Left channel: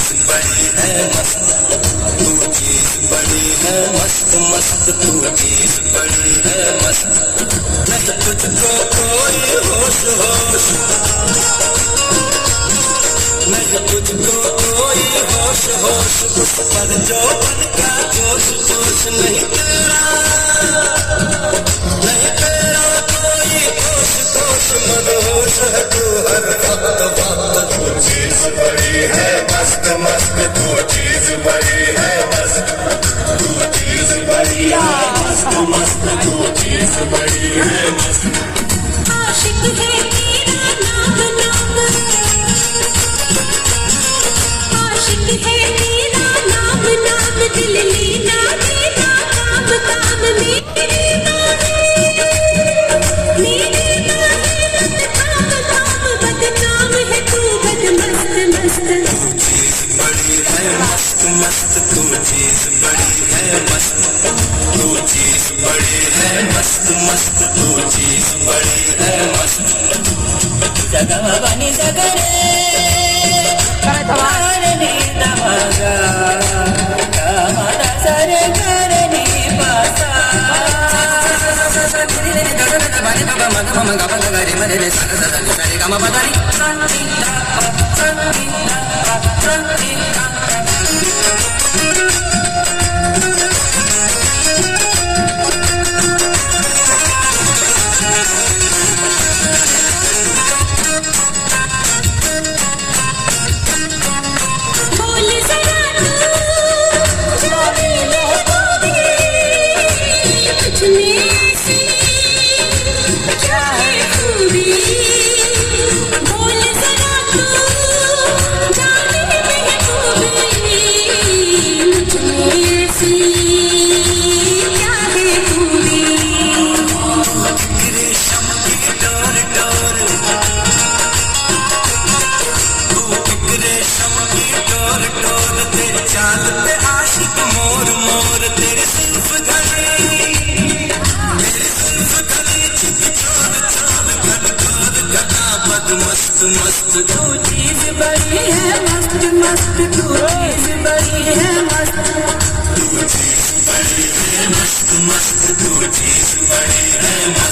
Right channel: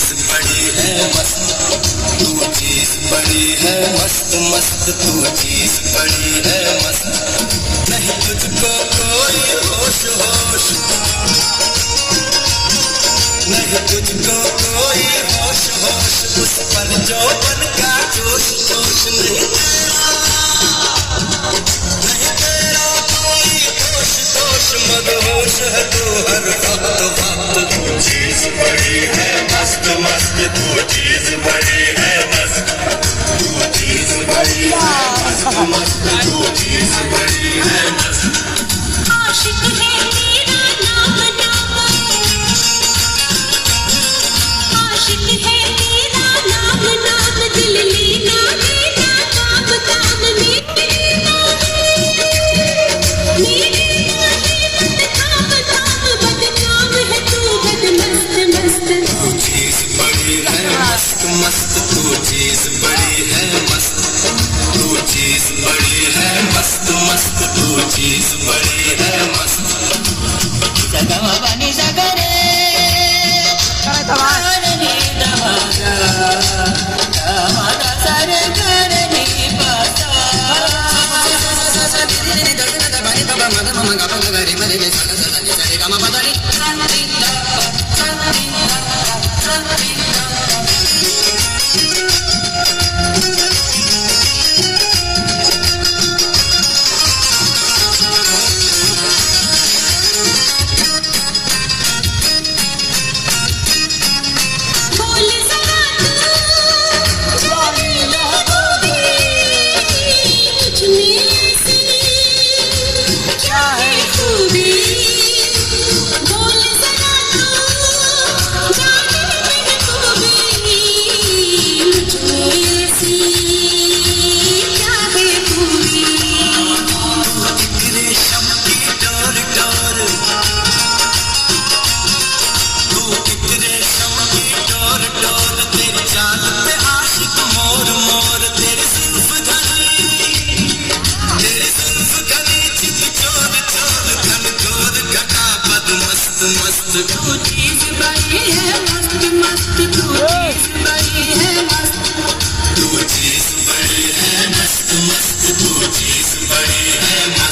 चीज बड़ी है मस्त, तू चीज बड़ी है मस्त मस्त, तू चीज बड़ी है मस्त। नहीं तुझको कोई होश होश, नहीं तुझको कोई होश होश, उस पर जो बन का जोश जोश नहीं तेरा कोई होश दोष मदहोश है तू हर वक्त वक्त। तू चीज बड़ी है मस्त मस्त, तू चीज बड़ी है मस्त, तू चीज बड़ी है मस्त मस्त, तू चीज बड़ी है मस्त। आशिक है तेरा नाम नाम, आशिक है तेरा नाम नाम, दिल लेना देना काम काम में तेरा काम काम, बदनाम है तू बद मस्त मस्त। तू चीज बड़ी है मस्त मस्त, तू चीज बड़ी है मस्त, तू चीज बड़ी है मस्त मस्त, तू चीज बड़ी है मस्त। सगमा बनी सगरे कारणी नमगा कामना सरे करनी पासा बनी बाबा मद मम गप गरे मरे रे सन सन सरे गम बदनी संति संति संति। चाल पे आशिक मोर मोर, तेरे जुल्फ घने, तेरे जुल्फ घने, चित चोर चोर घन घोर घटा बद मस्त मस्त। तू चीज बड़ी है मस्त मस्त, तू चीज बड़ी है मस्त, तू चीज बड़ी है मस्त मस्त, तू चीज बड़ी है मस्त।